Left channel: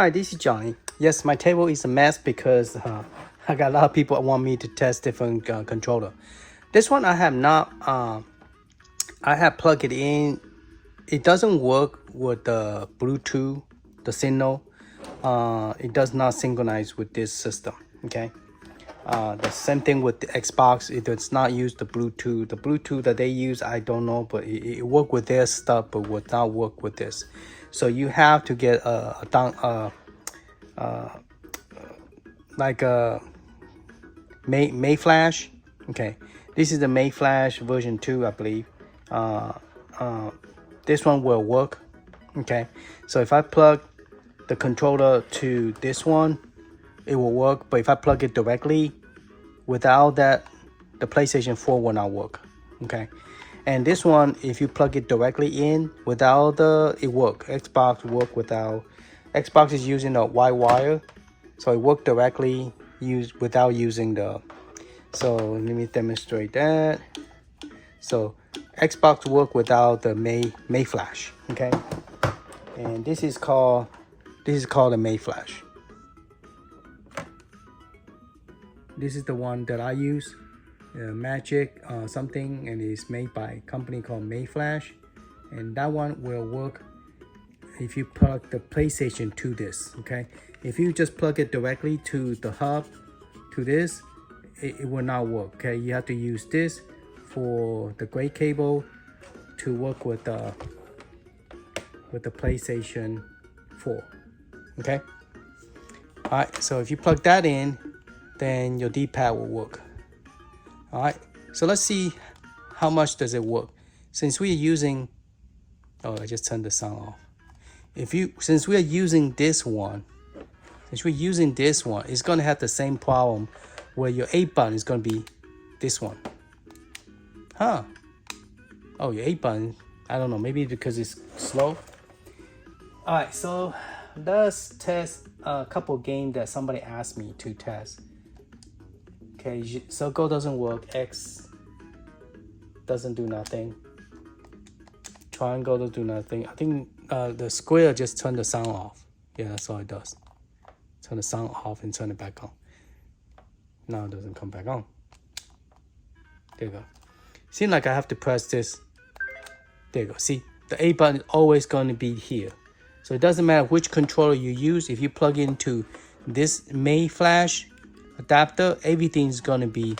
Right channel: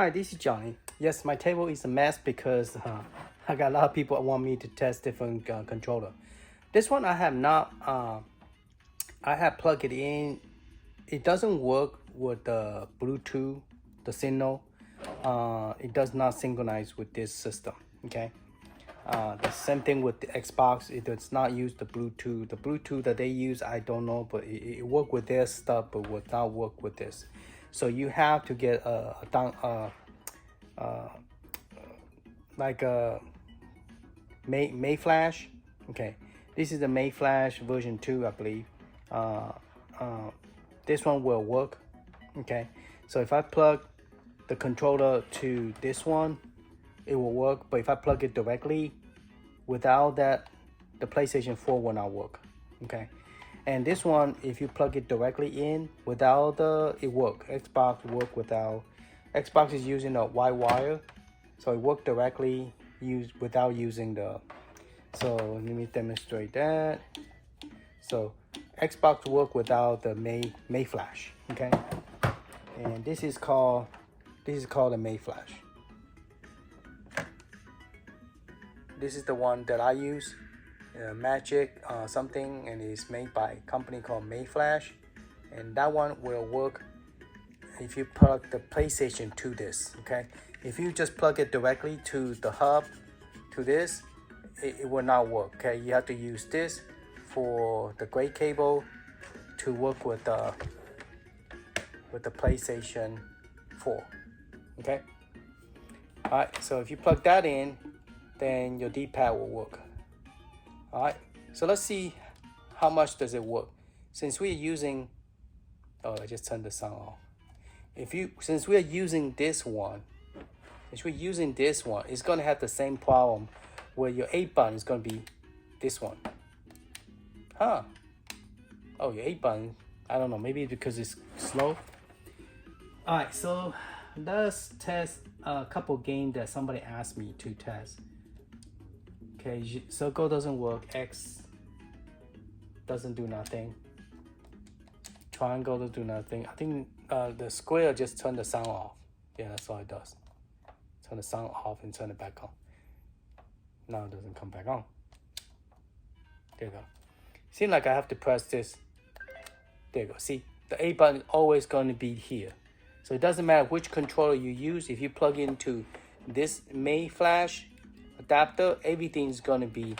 Hi, this is Johnny. Yes, my table is a mess because I got a lot of people that want me to test different controller. This one I have not, I have plugged it in. It doesn't work with the Bluetooth, the signal. It does not synchronize with this system, okay? The same thing with the Xbox. It does not use the Bluetooth. The Bluetooth that they use, I don't know, but it work with their stuff, but would not work with this. So you have to get like a May Flash. Okay, this is the May Flash version 2, I believe. This one will work. Okay, so if I plug the controller to this one, it will work. But if I plug it directly, without that, the PlayStation 4 will not work. Okay, and this one, if you plug it directly in without it work. Xbox work without. Xbox is using a white wire, so it work directly without using the. So let me demonstrate that. So Xbox work without the May Flash. Okay, and this is called the May Flash. This is the one that I use, Magic something, and it's made by a company called May Flash, and that one will work if you plug the PlayStation to this. Okay, if you just plug it directly to the hub, to this, it will not work. Okay, you have to use this for the gray cable to work with the PlayStation 4. Okay, all right, so if you plug that in, then your D-pad will work. All right, so let's see how much does it work. Since we're using, oh, I just turned the sound off. Since we're using this one, it's gonna have the same problem where your A button is gonna be this one. Huh? Oh, your A button, I don't know, maybe because it's slow. All right, so let's test a couple games that somebody asked me to test. Okay, Circle doesn't work. X doesn't do nothing. Triangle doesn't do nothing. I think the square just turned the sound off. Yeah, that's all it does. Turn the sound off and turn it back on. No, it doesn't come back on. There you go. Seems like I have to press this. There you go. See, the A button is always going to be here. So it doesn't matter which controller you use. If you plug into this May Flash adapter, everything is going to be,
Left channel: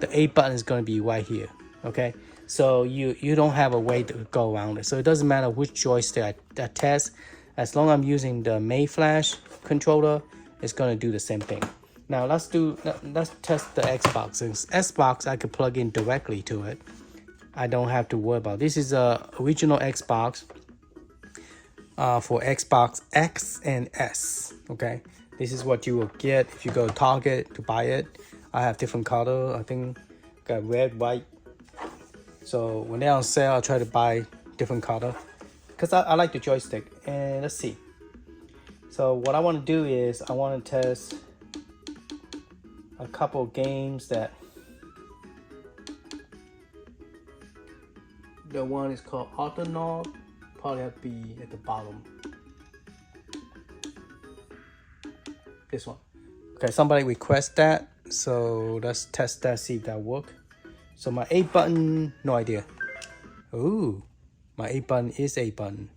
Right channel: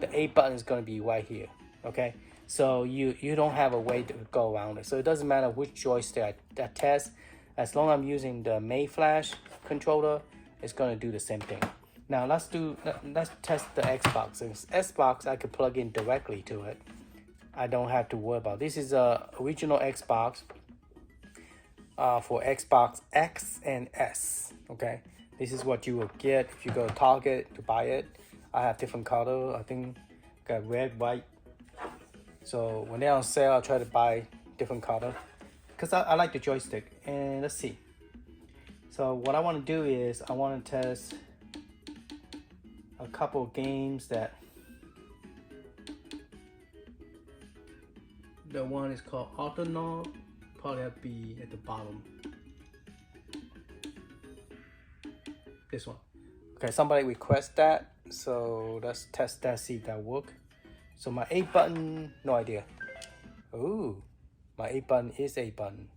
the A button is going to be right here. Okay, so you don't have a way to go around it. So it doesn't matter which joystick I test, as long as I'm using the May Flash controller, it's going to do the same thing. Now let's test the Xbox. Since Xbox I can plug in directly to it, I don't have to worry about it. This is a original Xbox for Xbox X and S. Okay, this is what you will get if you go to Target to buy it. I have different color. I think got red, white. So when they're on sale, I'll try to buy different color because I like the joystick. And let's see. So what I want to do is I want to test a couple of games that. The one is called Arkanoid. Probably have to be at the bottom. This one. Okay, somebody request that, so let's test that, see if that works. So my A button, no idea. Ooh, my A button is A button,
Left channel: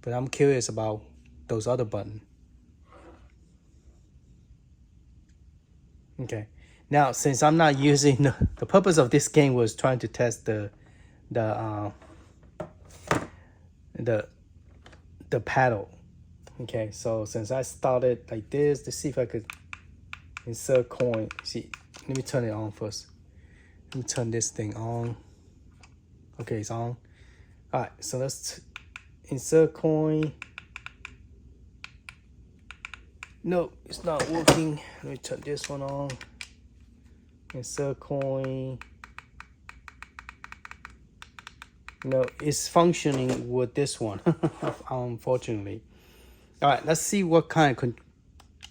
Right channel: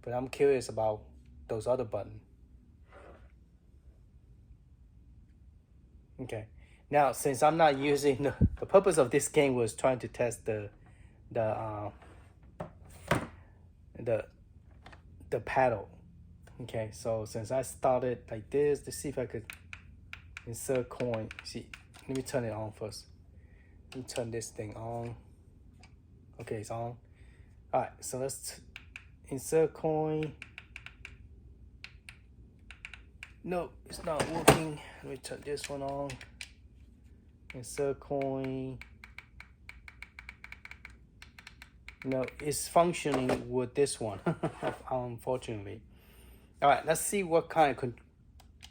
but I'm curious about those other buttons. Okay, now since I'm not using the purpose of this game was trying to test the paddle. Okay, so since I started like this, to see if I could insert coin. See, let me turn it on first. Let me turn this thing on. Okay, it's on. All right, so let's insert coin. No, it's not working. Let me turn this one on. Insert coin. No, it's functioning with this one, unfortunately. All right, let's see what kind of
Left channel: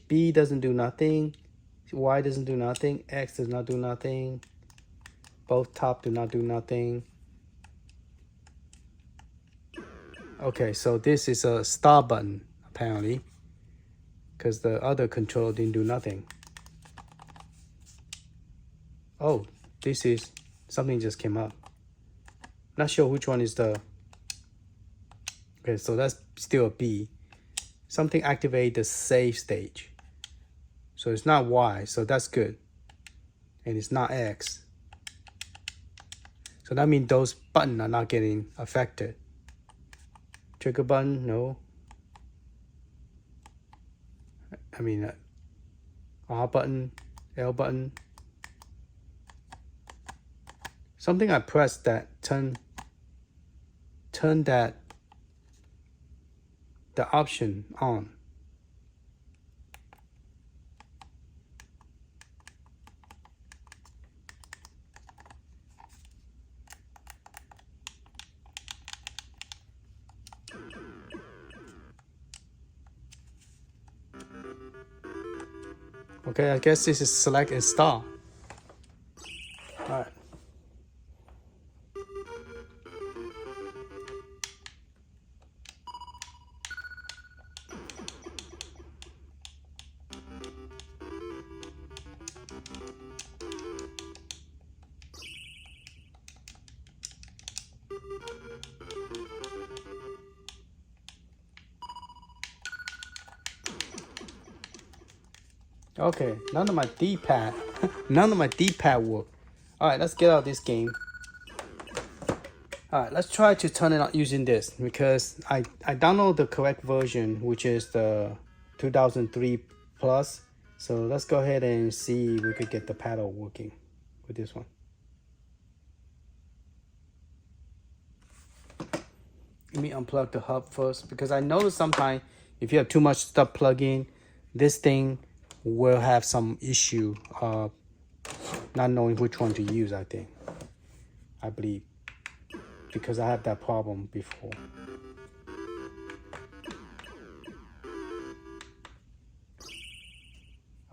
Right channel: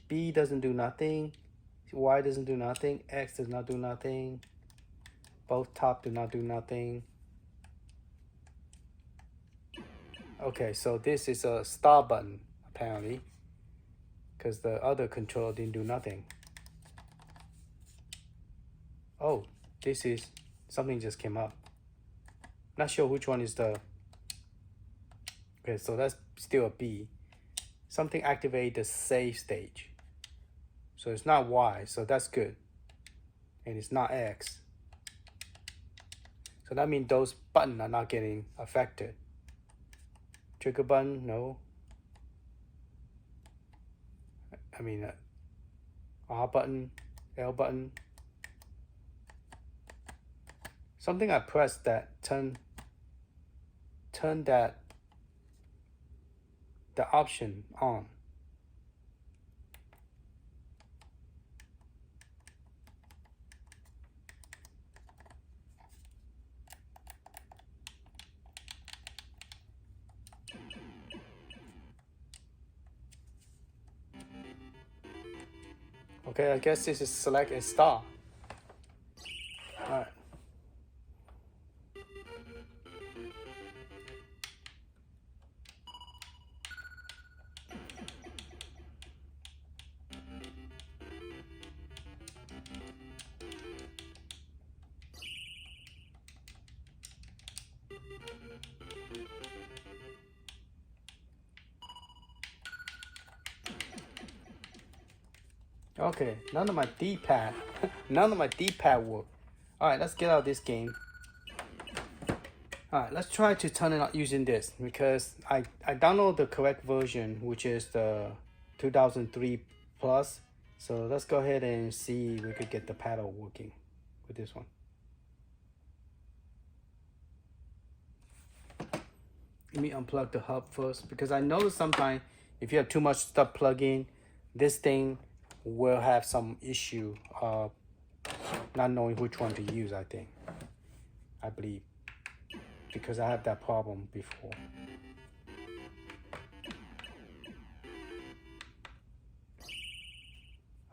B doesn't do nothing. Y doesn't do nothing. X does not do nothing. Both top do not do nothing. Okay, so this is a star button, apparently. because the other controller didn't do nothing. Oh, this is something just came up. Not sure which one is the. Okay, so that's still a B. Something activate the save stage. So it's not Y, so that's good. And it's not X. So that means those buttons are not getting affected. Trigger button, no. I mean, R button, L button. Something I pressed that turn that the option on. Okay, I guess this is select install. All right. Okay, none of my D-pad, none of my D-pad work. All right, let's get out of this game. All right, let's try to turn it on using this because I downloaded the correct version, which is the 2003 plus. So let's go ahead and see if we could get the paddle working with this one. Let me unplug the hub first because I noticed sometimes if you have too much stuff plugged in, this thing will have some issue not knowing which one to use. I believe, because I had that problem before.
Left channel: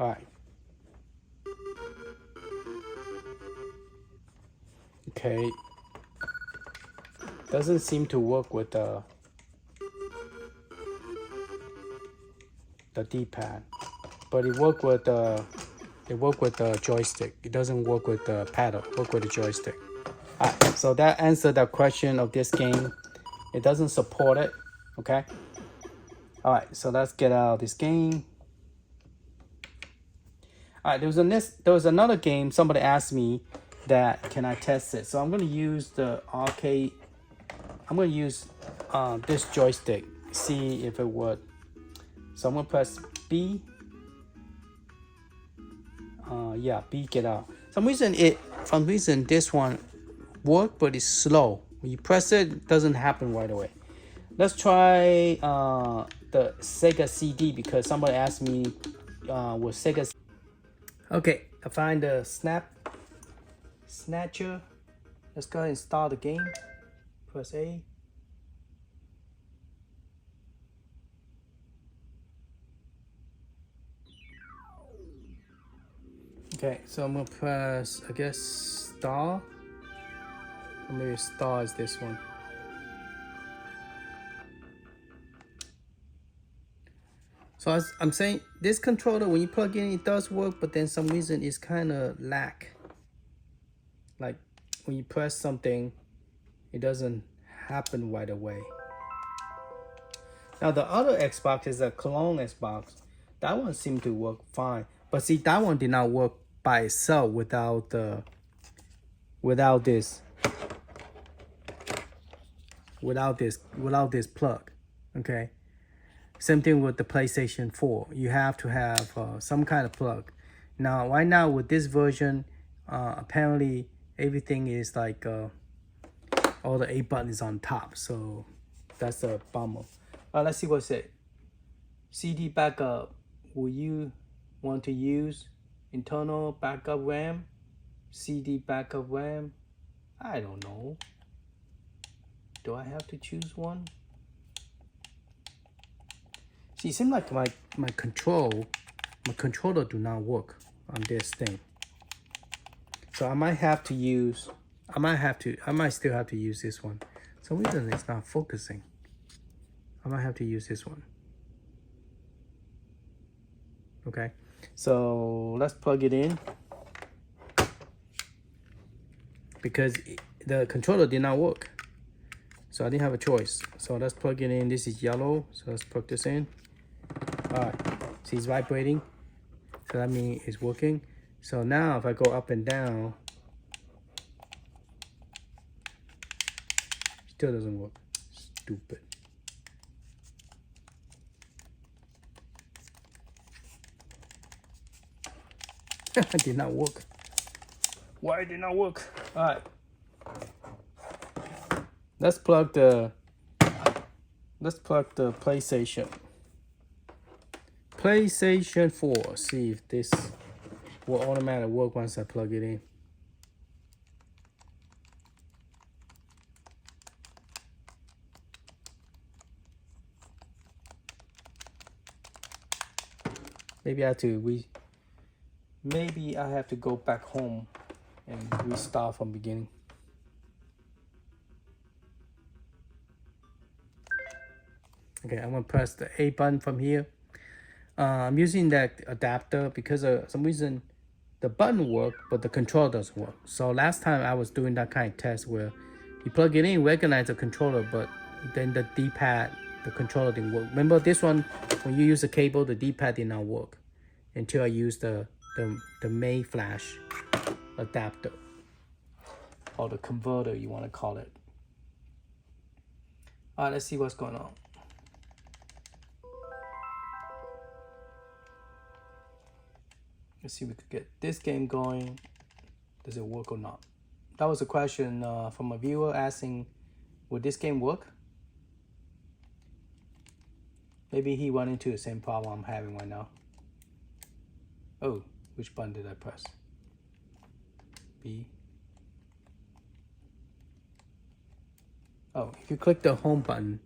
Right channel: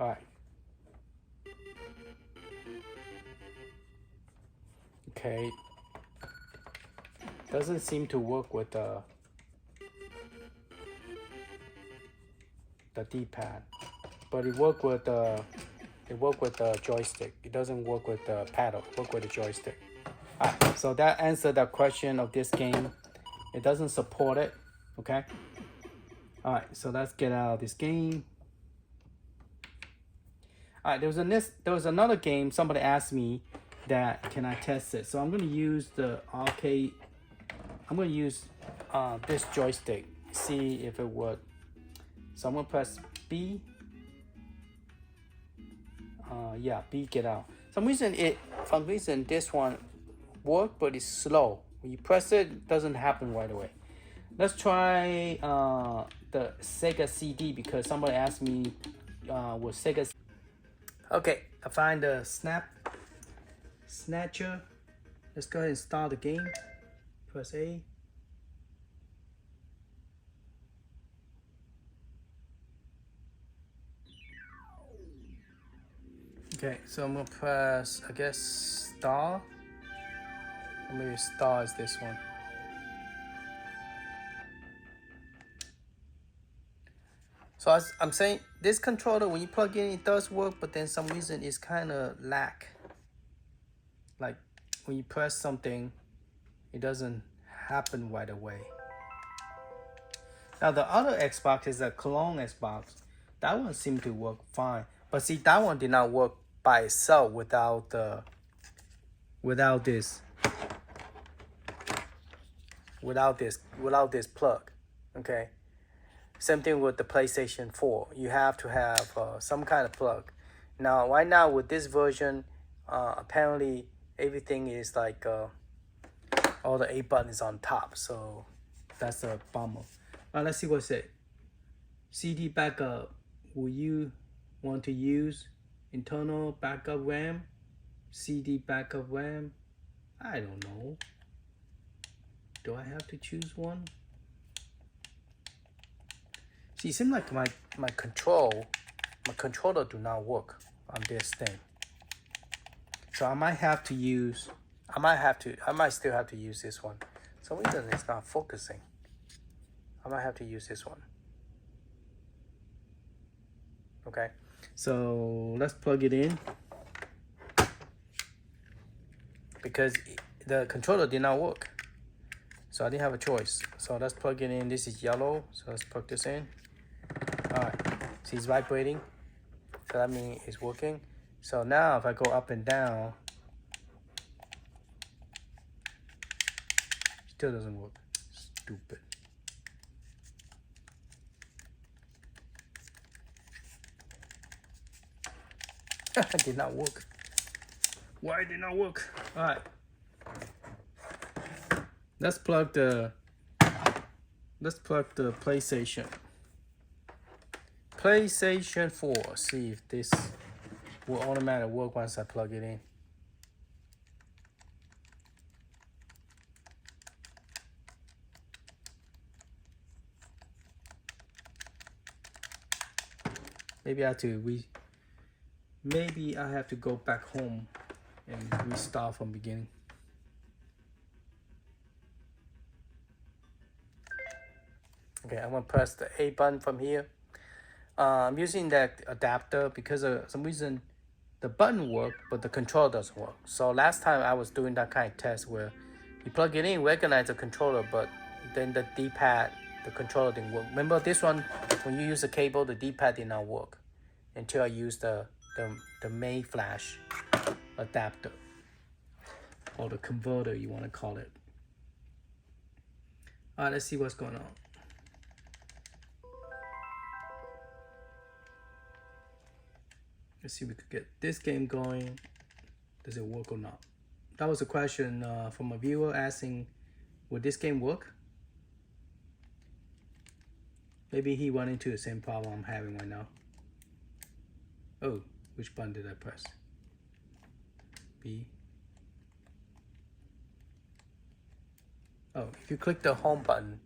All right. Okay. Doesn't seem to work with the D-pad. But it worked with the joystick. It doesn't work with the paddle. Work with the joystick. Right, so that answered the question of this game. It doesn't support it. Okay. All right. So let's get out of this game. All right. There was another game. Somebody asked me that can I test it. So I'm going to use the arcade. I'm going to use this joystick. See if it would. So I'm going to press B. Yeah, B, get out. Some reason this one work, but it's slow. When you press it, it doesn't happen right away. Let's try the Sega CD because somebody asked me with Sega. Okay, I find the snatcher. Let's go ahead and start the game. Press A. Okay, so I'm gonna press, I guess, star. Or maybe star is this one. So I'm saying this controller, when you plug in, it does work, but then some reason it's kind of lag. Like when you press something, it doesn't happen right away. Now the other Xbox is a clone Xbox. That one seemed to work fine, but see that one did not work by itself without this plug. Okay. Same thing with the PlayStation 4. You have to have some kind of plug. Now, right now with this version, apparently everything is like all the A button is on top. So that's a bummer. Let's see what it said. CD backup. Will you want to use internal backup RAM? CD backup RAM? I don't know. Do I have to choose one? See, it seems like my controller do not work on this thing. So I might still have to use this one. For some reason it's not focusing. I might have to use this one. Okay, so let's plug it in because the controller did not work. So I didn't have a choice. So let's plug it in. This is yellow. So let's plug this in. All right, see it's vibrating. So that means it's working. So now if I go up and down, still doesn't work. Stupid. It did not work. Why it did not work? All right. Let's plug the PlayStation 4. See if this will automatically work once I plug it in. Maybe I have to go back home and restart from beginning. Okay, I'm gonna press the A button from here. I'm using that adapter because of some reason the button worked, but the controller doesn't work. So last time I was doing that kind of test where you plug it in, recognize the controller, but then the D-pad, the controller didn't work. Remember this one, when you use the cable, the D-pad did not work until I used the Maze flash adapter, or the converter you want to call it. All right, let's see what's going on. Let's see if we could get this game going. Does it work or not? That was a question from a viewer asking, would this game work? Maybe he run into the same problem I'm having right now. Oh, which button did I press? B. Oh, if you click the home button,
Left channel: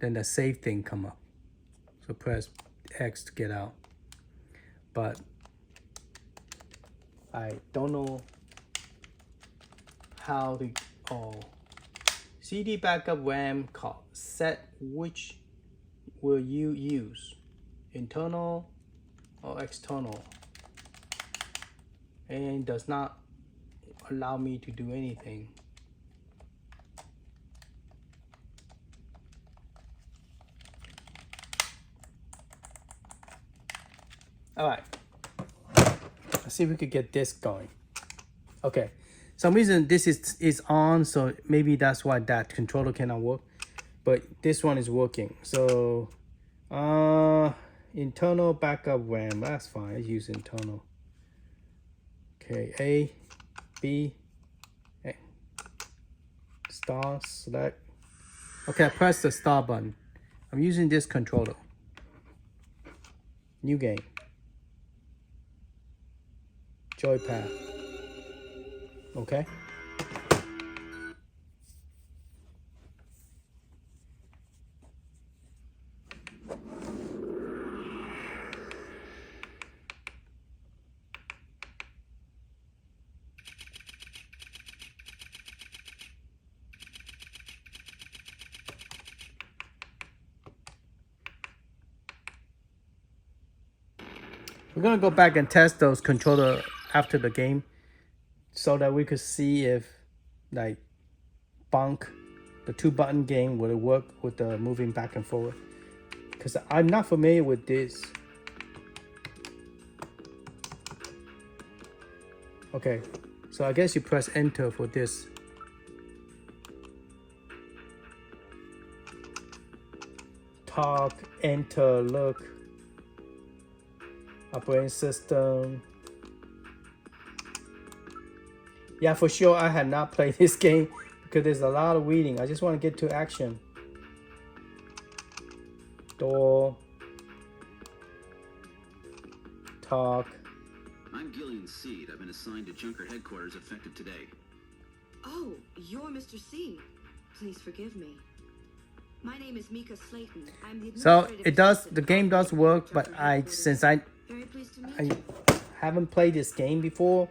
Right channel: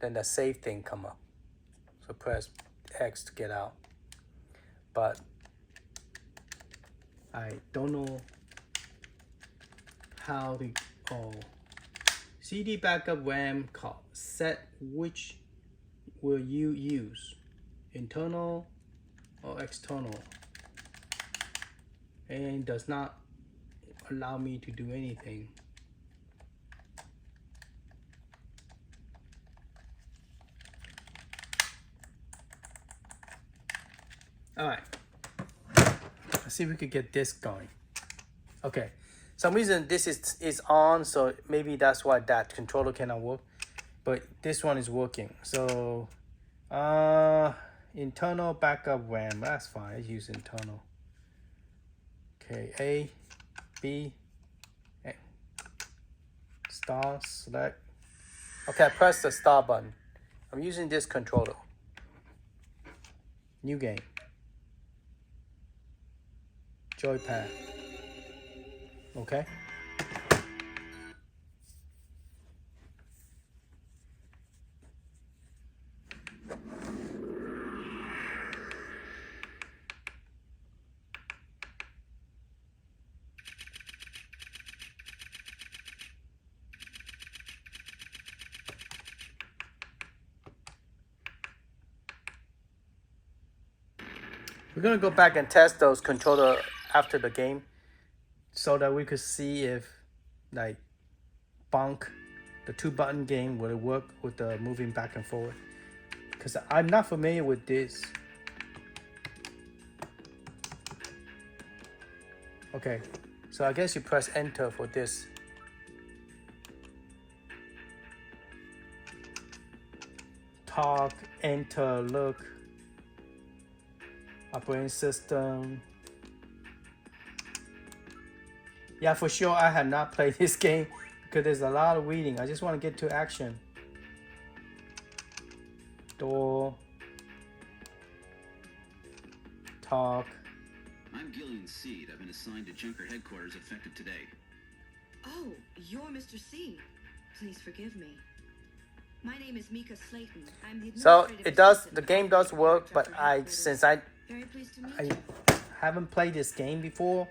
then the save thing come up. So press X to get out. But I don't know how the CD backup RAM call set which will you use, internal or external, and does not allow me to do anything. All right. Let's see if we could get this going. Okay, some reason this is on, so maybe that's why that controller cannot work, but this one is working. So internal backup RAM, that's fine. I use internal. Okay, A, B, A. Star, select. Okay, I press the star button. I'm using this controller. New game. Joypad. Okay. We're gonna go back and test those controller after the game, so that we could see if like Bonk, the 2-button game, will it work with the moving back and forth, because I'm not familiar with this. Okay, so I guess you press enter for this. Talk, enter, look, operating system. Yeah, for sure, I have not played this game because there's a lot of reading. I just want to get to action. Door. Talk. I'm Gillian Seed. I've been assigned to Junker headquarters effective today. Oh, you're Mr. C. Please forgive me. My name is Mika Slayton. I'm the So administrative it does. assistant The game does to work, but Junker I headquarters. since I Very pleased to meet you. haven't played this game before,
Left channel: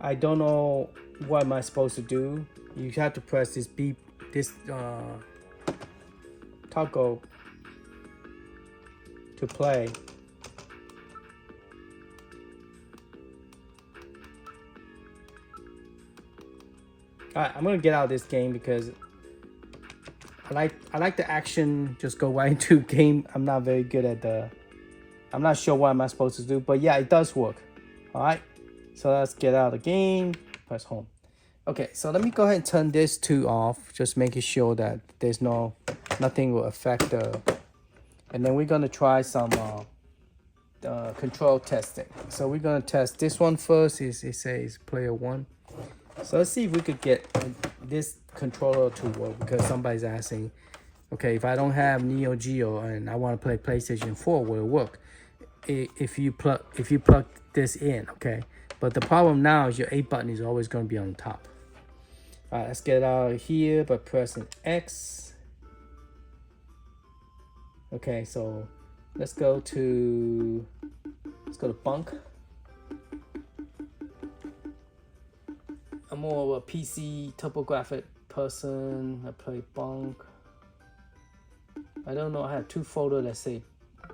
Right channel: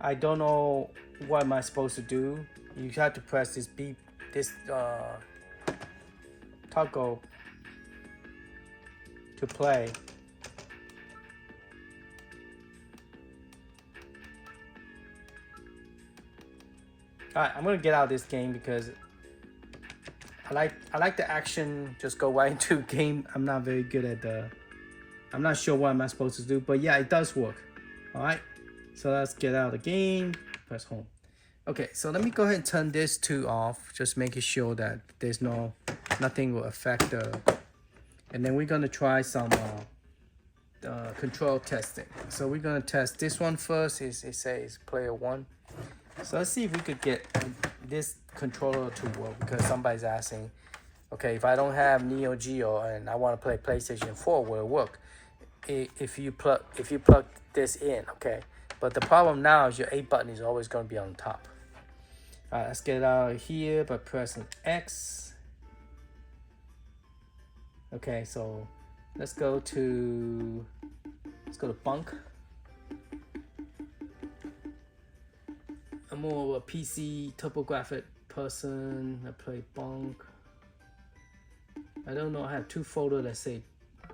I don't know what am I supposed to do. You have to press this toggle to play. Alright, I'm gonna get out of this game because I like the action, just go right into game. I'm not very good at the, I'm not sure what am I supposed to do, but yeah, it does work. Alright, so let's get out of the game, press home. Okay, so let me go ahead and turn this 2 off, just making sure that there's nothing will affect the, and then we're gonna try some control testing. So we're gonna test this one first. It says player 1. So let's see if we could get this controller to work, because somebody's asking, okay, if I don't have Neo Geo and I want to play PlayStation 4, will it work? If you plug this in, okay. But the problem now is your A button is always going to be on top. Alright, let's get out of here by pressing X. Okay, so let's go to bunk. I'm more of a PC TurboGrafx person. I play bunk. I don't know. I have 2 folders that say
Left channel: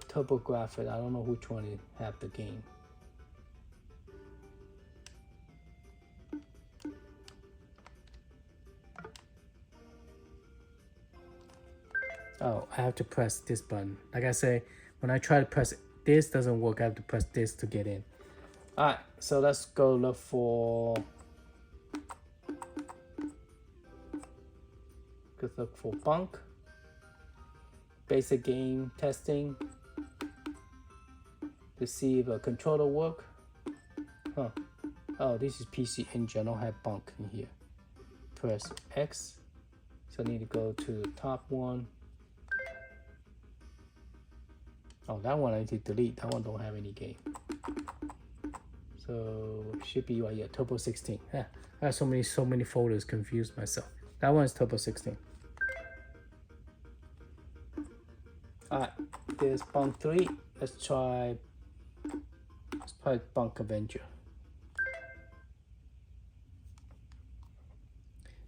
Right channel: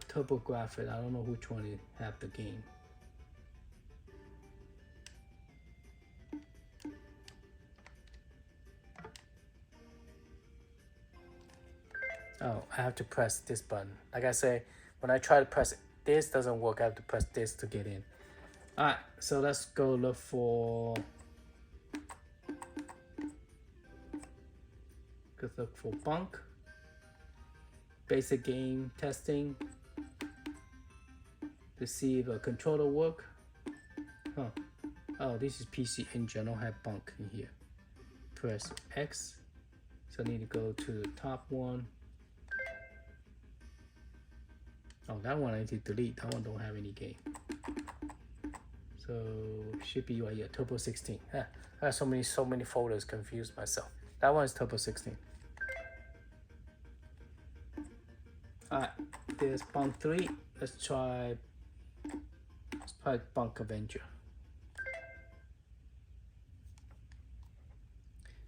TurboGrafx. I don't know which one have the game. Oh, I have to press this button. Like I say, when I try to press this, doesn't work. I have to press this to get in. Alright, so let's go look for bunk. Basic game testing to see if a controller work. Huh. Oh, this is PC Engine. I don't have bunk in here. Press X. So I need to go to the top one. Oh, that one I need to delete. That one don't have any game. So should be right here, Turbo 16. Yeah, I have so many folders, confused myself. That one is Turbo 16. Alright, there's Pong 3. Let's try AquaVenture.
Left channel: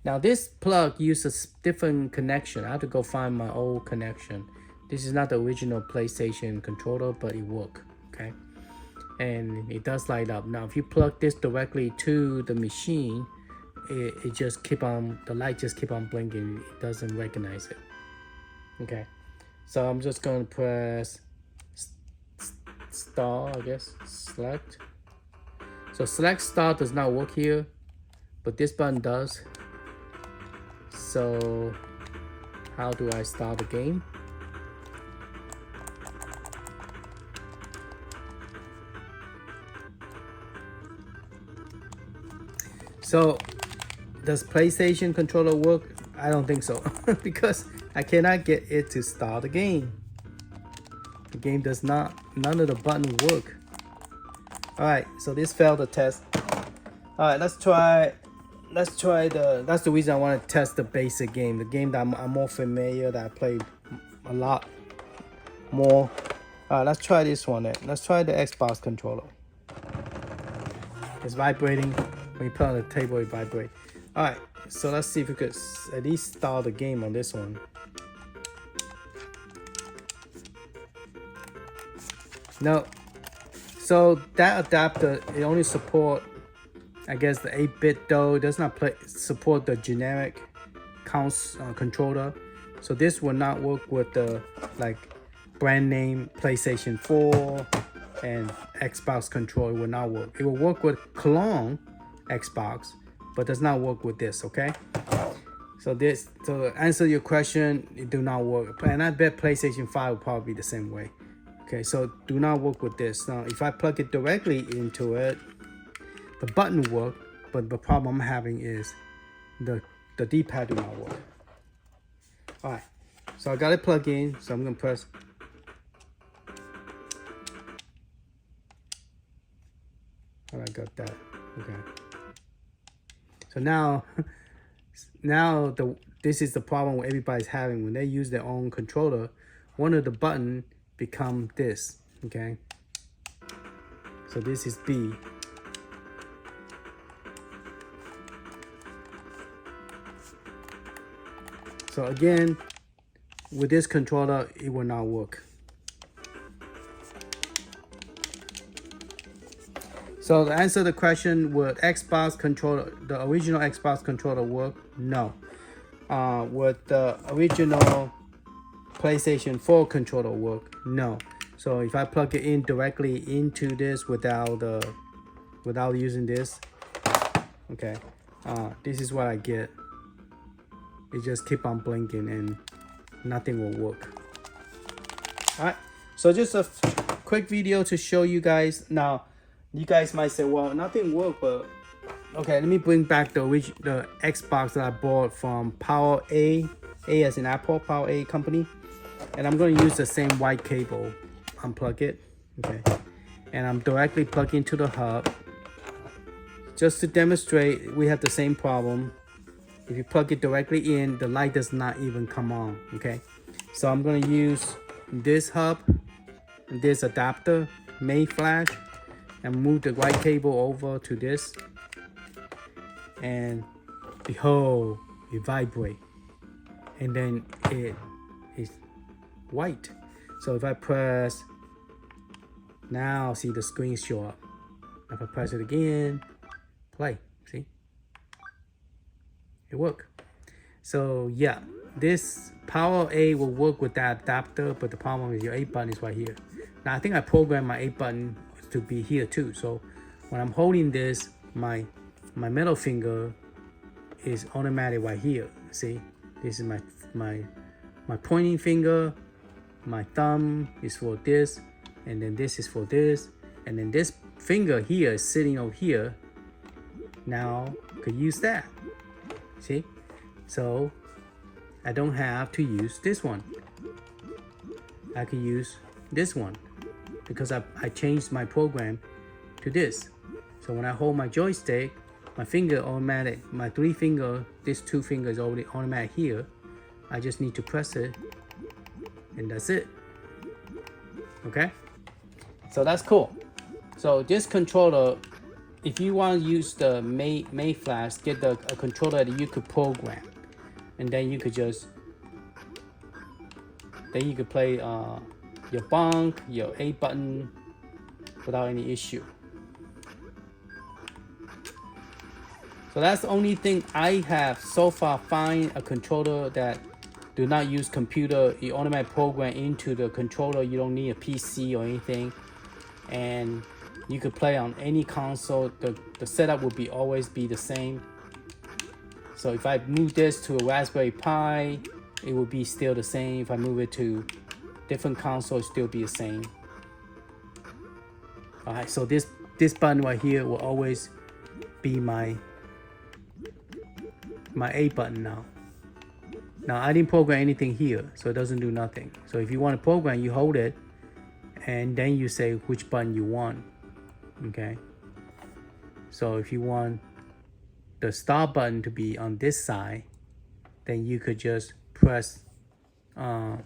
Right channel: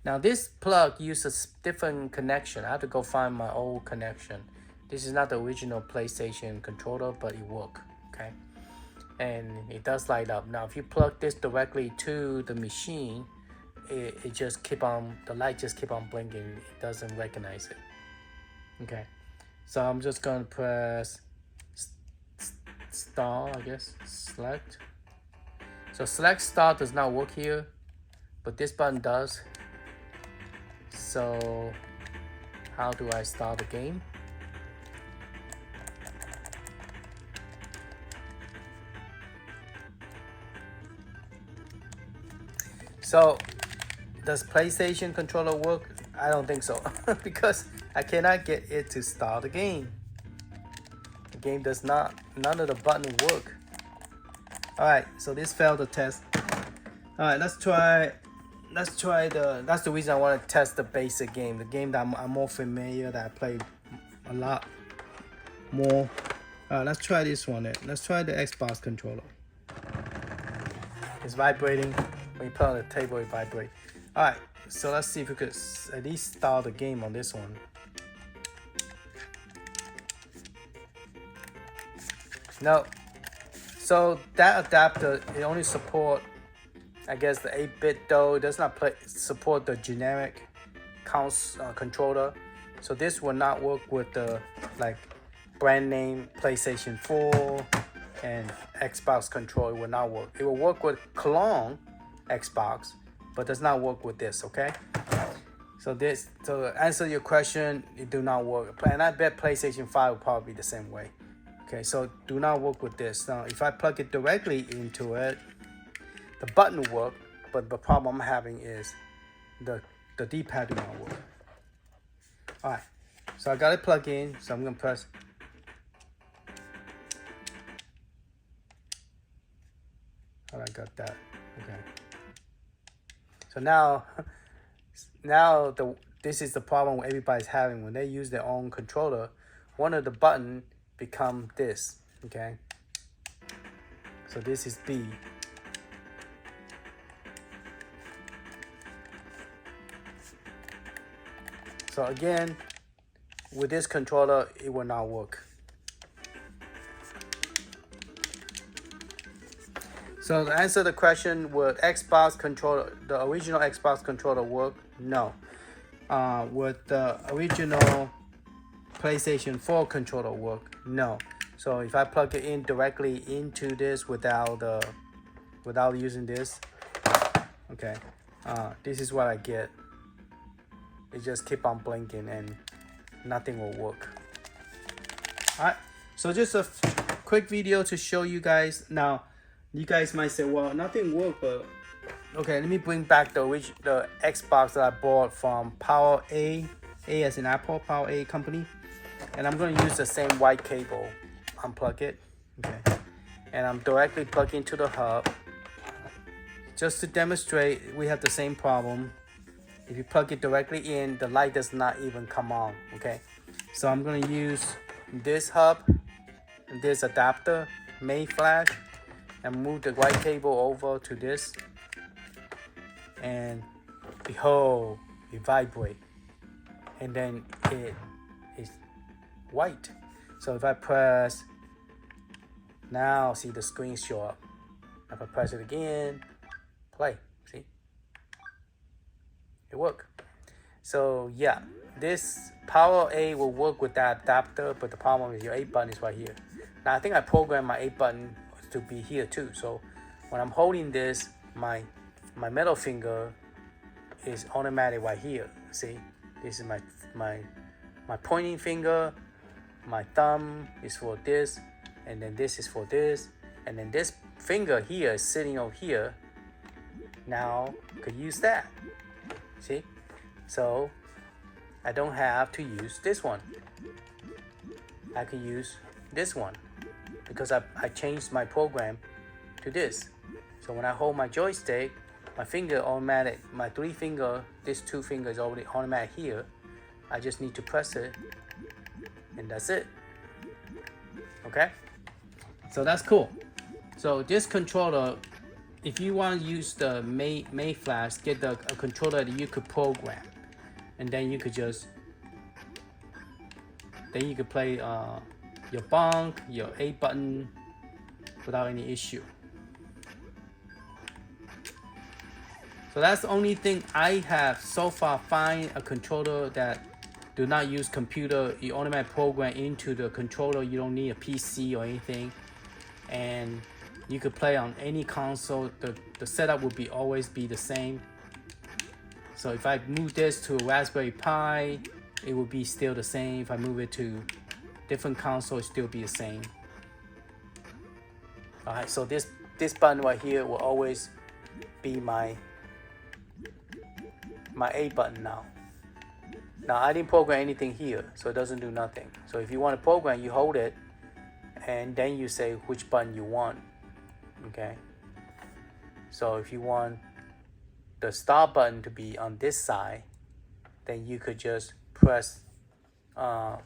Now this plug uses different connection. I have to go find my old connection. This is not the original PlayStation controller, but it works, okay? And it does light up. Now if you plug this directly to the machine, it just the light just keep on blinking. It doesn't recognize it. Okay, so I'm just gonna press star, I guess, select. So select star does not work here, but this button does. So how do I start the game? So does PlayStation controller work? I don't think so because I cannot get it to start the game. The game does not, none of the buttons work. Alright, so this failed the test. Alright, let's try that's the reason I want to test the basic game. The game that I'm more familiar, that I play a lot more. Alright, let's try this one then. Let's try the Xbox controller. It's vibrating. When you put it on the table, it vibrates. Alright, so let's see if we could at least start the game on this one. No. So that adapter, it only support, I guess, the 8-bit though. It does not support the generic controller. So this will not work with the like brand name PlayStation 4 and Xbox controller. It will not work. It will work with clone Xbox, but does not work with this, okay? So to answer your question, it do not work. And I bet PlayStation 5 will probably be the same way. Okay, so do not work with this. Now, if I plug it directly into it, the button work, but the problem I'm having is the D-pad do not work. Alright, so I got it plugged in, so I'm gonna press. Alright, got that. Okay. So now this is the problem everybody's having when they use their own controller. One of the button become this, okay? So this is B. So again, with this controller, it will not work. So to answer the question, would Xbox controller, the original Xbox controller work? No. Would the original PlayStation 4 controller work? No. So if I plug it in directly into this without using this, okay, this is what I get. It just keep on blinking and nothing will work. Alright, so just a quick video to show you guys. Now, you guys might say, well, nothing worked, but okay, let me bring back the Xbox that I bought from Power A as in Apple, Power A company. And I'm going to use the same white cable. Unplug it, okay, and I'm directly plugging into the hub. Just to demonstrate, we have the same problem. If you plug it directly in, the light does not even come on, okay? So I'm going to use this hub, this adapter, May flash, and move the white cable over to this. And behold, it vibrates. And then it is white. So if I press, now see the screen show up. If I press it again, play, see? It worked. So yeah, this Power A will work with that adapter, but the problem is your A button is right here. Now I think I programmed my A button to be here too. So when I'm holding this, my middle finger is automatic right here. See, this is my pointing finger. My thumb is for this, and then this is for this, and then this finger here is sitting over here. Now could use that. See, so I don't have to use this one. I can use this one because I changed my program to this. So when I hold my joystick, my finger automatic, my three finger, this two fingers already automatic here. I just need to press it, and that's it. Okay, so that's cool. So this controller, if you want to use the May flash, get a controller that you could program, and then you could just play your Pong, your A button without any issue. So that's the only thing I have so far find a controller that do not use computer. You automatically program into the controller. You don't need a PC or anything, and you could play on any console. The setup will always be the same. So if I move this to a Raspberry Pi, it will be still the same. If I move it to different console, it still be the same. All right, so this button right here will always be my A button now. Now I didn't program anything here, so it doesn't do nothing. So if you want to program, you hold it, and then you say which button you want. Okay. So if you want the start button to be on this side, then you could just press. No,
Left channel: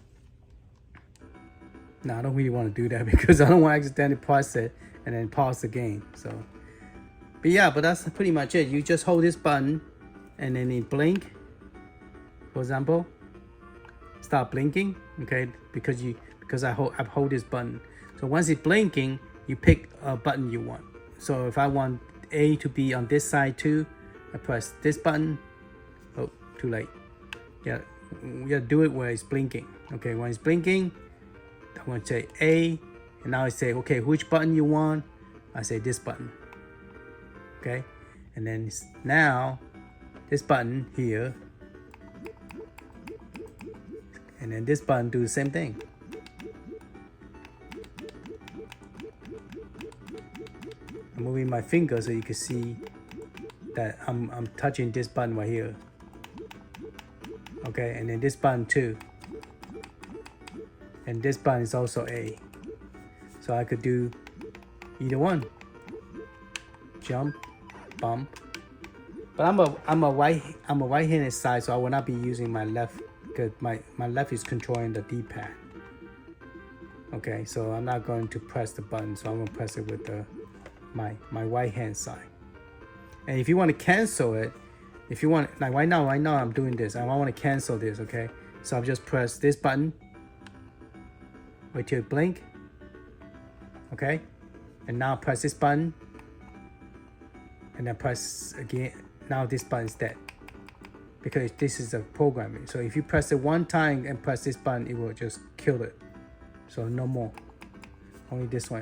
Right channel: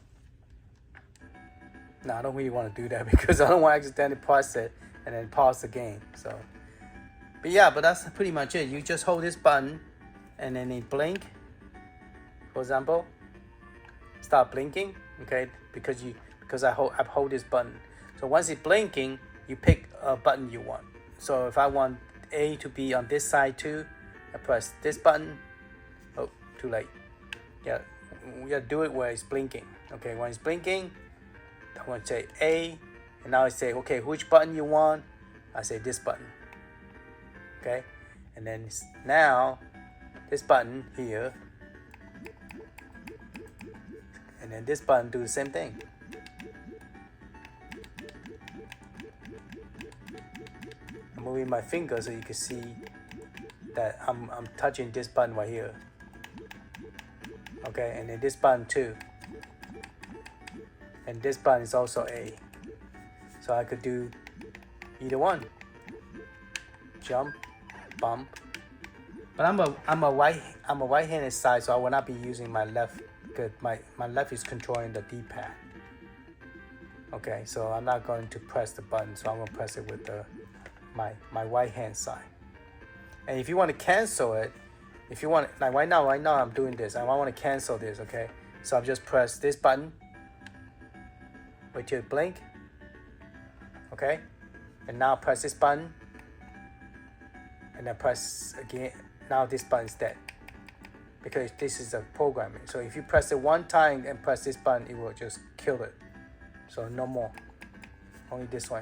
I don't really want to do that because I don't want to accidentally press it and then pause the game. So, but yeah, but that's pretty much it. You just hold this button, and then it blink. For example, start blinking, okay? Because I hold this button. So once it's blinking, you pick a button you want. So if I want A to be on this side too, I press this button. Oh, too late. Yeah, we gotta do it where it's blinking. Okay, when it's blinking, I'm gonna say A, and now I say, okay, which button you want? I say this button. Okay, and then now this button here. And then this button do the same thing. I'm moving my finger so you can see that I'm touching this button right here. Okay, and then this button too. And this button is also A. So I could do either one. Jump, bump. But I'm a right-handed side, so I will not be using my left. My left is controlling the D-pad. Okay, so I'm not going to press the button, so I'm going to press it with my right hand side. And if you want to cancel it, if you want, like right now I'm doing this, and I want to cancel this, okay? So I'll just press this button, wait till it blink, okay? And now press this button, and then press again. Now this button is dead because this is a programming. So if you press it one time and press this button, it will just kill it. So no more, only this way.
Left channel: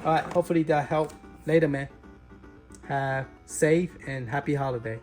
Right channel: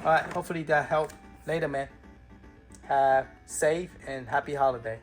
All right, hopefully that helped. Later, man. Have safe and happy holiday.